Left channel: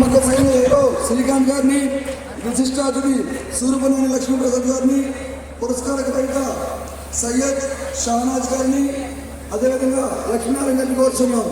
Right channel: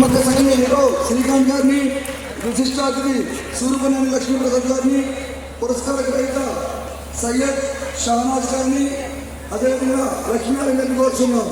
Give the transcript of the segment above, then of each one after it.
ప్రముఖ సైన్య హీరో శ్రీకాంత్ గారిని, విశిష్ట అతిథి సూర్యపల్లి లక్ష్మీప్రసాద్ గారిని, పురస్కార గ్రహీత సయ్యద్ షహనాజ్ గారిని, అదేవిధంగా లక్ష్మీనారాయణ గారిని కోరుతున్నాం.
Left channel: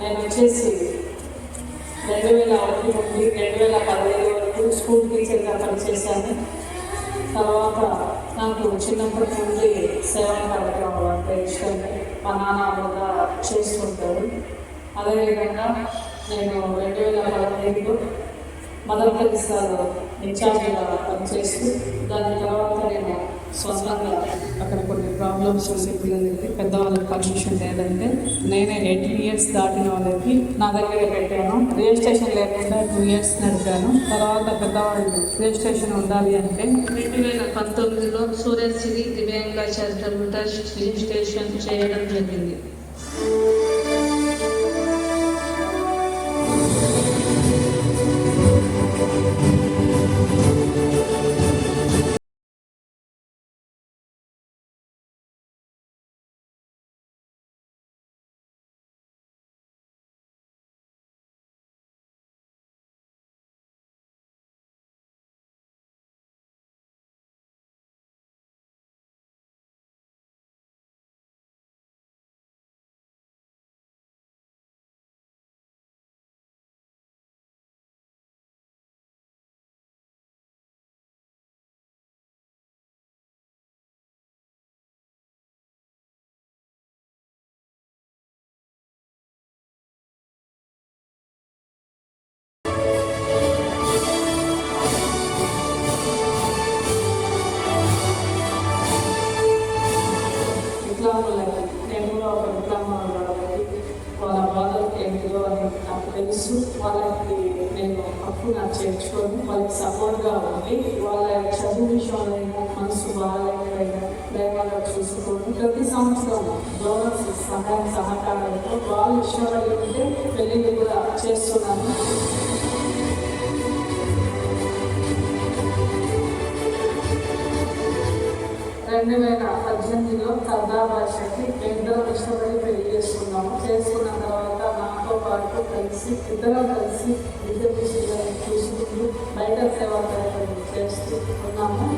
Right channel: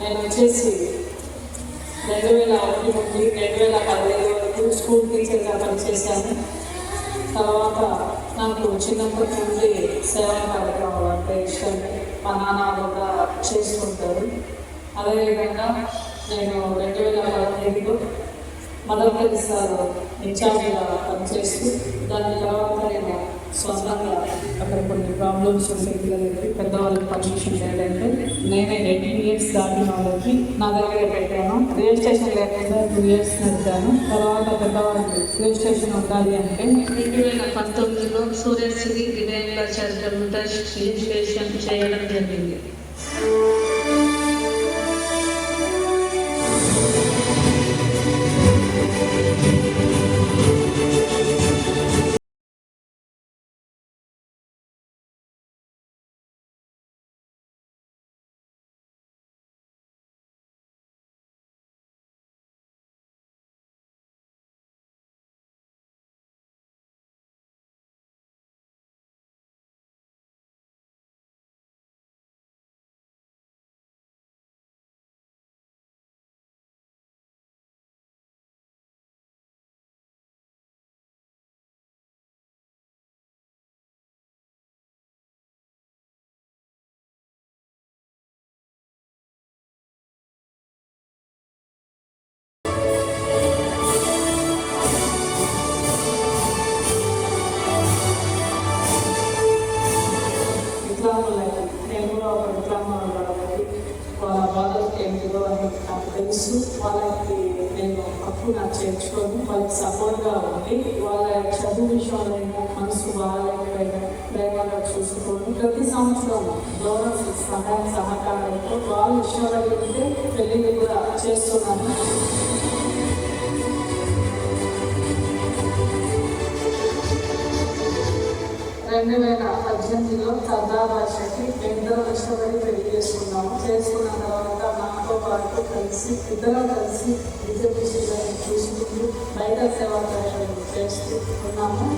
నేను వచ్చేసి 2006 నుండి 2015 వరకు స్కూల్ టీచర్గా పనిచేశాను. తర్వాత నాకు చిన్నప్పటి నుండి సేవా కార్యక్రమం అంటే ఇష్టం. మా నాన్న కూడా చేస్తుంటారు. అదేవిధంగా నేను 2015లో మదర్ తెరిసాలో ఇన్ఛార్జిగా పనిచేస్తూ దాని తర్వాత నేను స్వతంత్రంగా అక్కడ కొన్ని ప్రాబ్లమ్స్ పెద్దవాళ్ళకి పర్మిషన్ లేదంటే నేనే 18 years దాటిన వాళ్ళకి నా దగ్గర పెట్టాను. రిజిస్ట్రేషన్ లేకుండా 2 years నడిపాను. తర్వాత పెద్దవాళ్ళు రిజిస్ట్రేషన్ ఉండాలి అంటే 2019లో సూరజ్శ్రీ దివ్యాంగుల చారిటబుల్ ట్రస్ట్ రిజిస్ట్రేషన్ చేయడం జరిగింది. వాళ్ళ బాధలు ఏంటో అని నాకు తెలుసు. వాళ్ళకి నేను అప్పుడు నాకు చేర్చుకొని వాళ్ళకి సపోర్ట్గా ఉండి వాళ్ళ చదువు విషయంలో మనసు బాగాలేకపోయినా ప్రేమగా చూసుకొని ప్రతి సంవత్సరం గవర్నమెంట్ సహాయం సహకారంతో వాళ్ళ విషయంలో వెళ్తే పెళ్లి కూడా చేస్తున్నాను. 2018లో సర్దాబాషకి 2వ విషయాన్ని తెలియజేస్తున్నాము. చేసుకున్న తర్వాత నాతో పాటు కలిసి ఇద్దరం కలిసి రిజర్వేషన్ తీసుకుంటూ బయట సేవా చేస్తూ ఉన్నాము.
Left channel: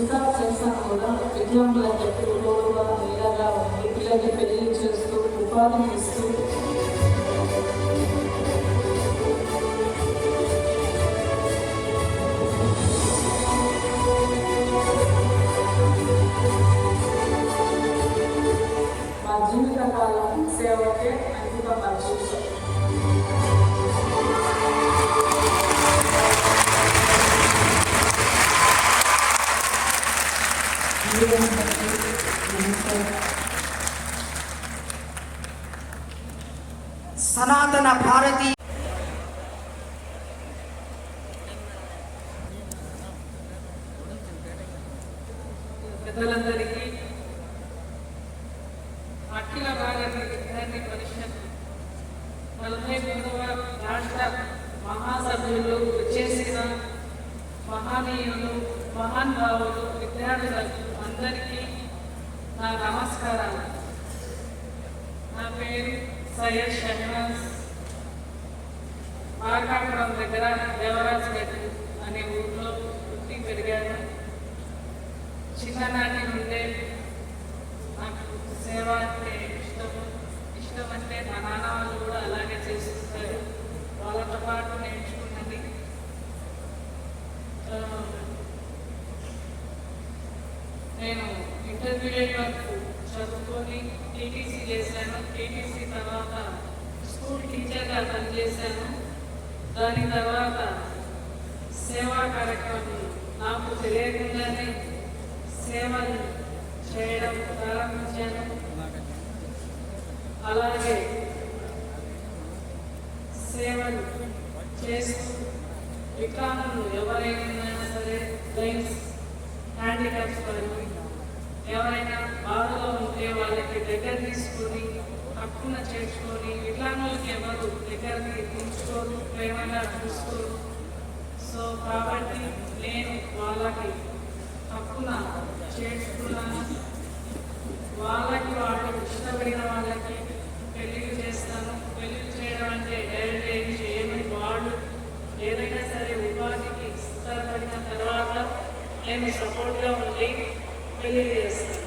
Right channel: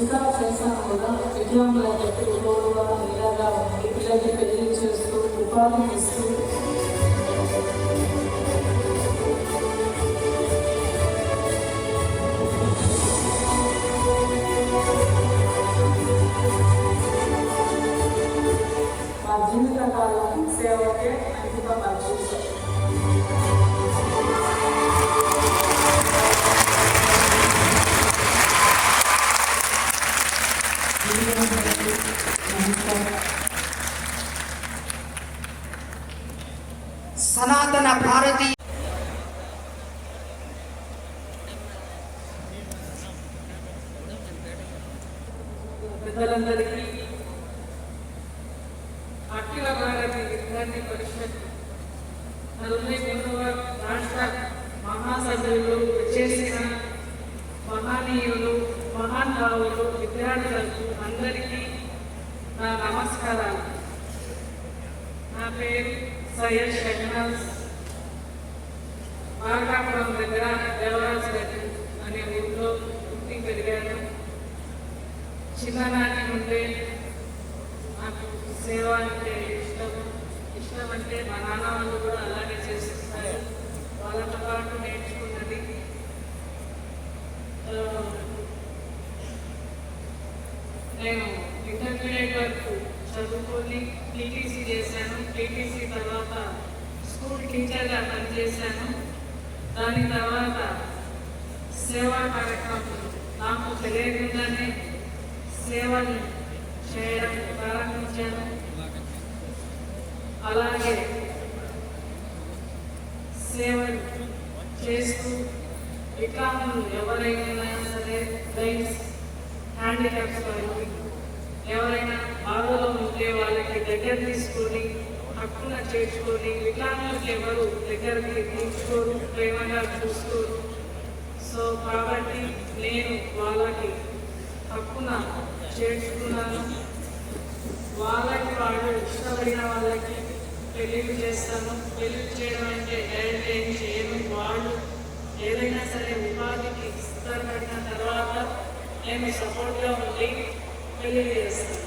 ఇంకా చేస్తాను కూడా విద్వాంలో పెట్టు తోడుగా నీడగా ఉంది పిల్లలకి పెళ్లి చేస్తూ ఉపాధి ఇస్తూ మా జీవిత కాలం సేవకే అంకితం చేశారు. సనాతన భారతీయ పెద్దలందరికీ అఖిల భారత విద్యార్థి పరిషత్ నలభై మూడవ రాష్ట్ర మహాసభ్యులు చేసిన మహనీయులు మహానుభావులు విద్యార్థులకు అందరికీ నా నమస్కారాలు. నా పేరు సయ్యద్ షహనాజ్. మార్కాపురం దగ్గర దేవరాజగడ్డ అనే ఊరిలో పుట్టి పెరిగాను. చిన్ననాటి నుండే నాకు సేవ అంటే ఇష్టం అంటే మా నాన్న వాళ్ళు కూడా అలాగే చేసిస్తారు. వాళ్ళతో పాటు నేర్చుకున్నది నేను ఇంటర్మీడియట్ వరకు చదువుకొని టీటీసీ చేశాను. టీటీసీ తర్వాత స్కూల్ టీచర్గా పనిచేశాను. దాని తర్వాత సేవా కార్యక్రమం నాకు తెలియకుండానే సేవలు చేయడం ప్రారంభించాను. అలాగే సేవలు చేస్తూ వికలాంగులు ఎవరైనా సరే బ్లైండ్స్ హ్యాండిక్యాప్స్ వాళ్ళకి ఎవరైనా బాధలో ఉంటే వాళ్ళకి దగ్గర తీసుకొని హక్కున చేర్చుకొని వికలాంగులకి ఎవరు దగ్గరికి తీసుకోరు, ప్రేమగా చూసుకోరు. సో కాబట్టి నేను వాళ్ళకి హక్కున చేర్చుకున్నాను. వాళ్ళకి వాళ్ళు ఇష్టపడిన వాళ్ళకి పెళ్లి చేస్తాను. పెళ్లి చేయడం అంటే డైరెక్ట్ ఏం చేయను. వాళ్ళు ఏదైనా సరే ఉపాధికి స్థిరపడిన తర్వాత నేను సపోర్ట్గా ఉండి పెళ్లి చేస్తాను.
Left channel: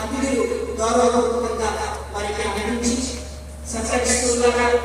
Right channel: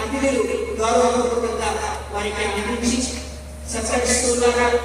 అతిథులు గౌరవపూర్వకంగా వారికి అందించి సత్కరిస్తున్నారు.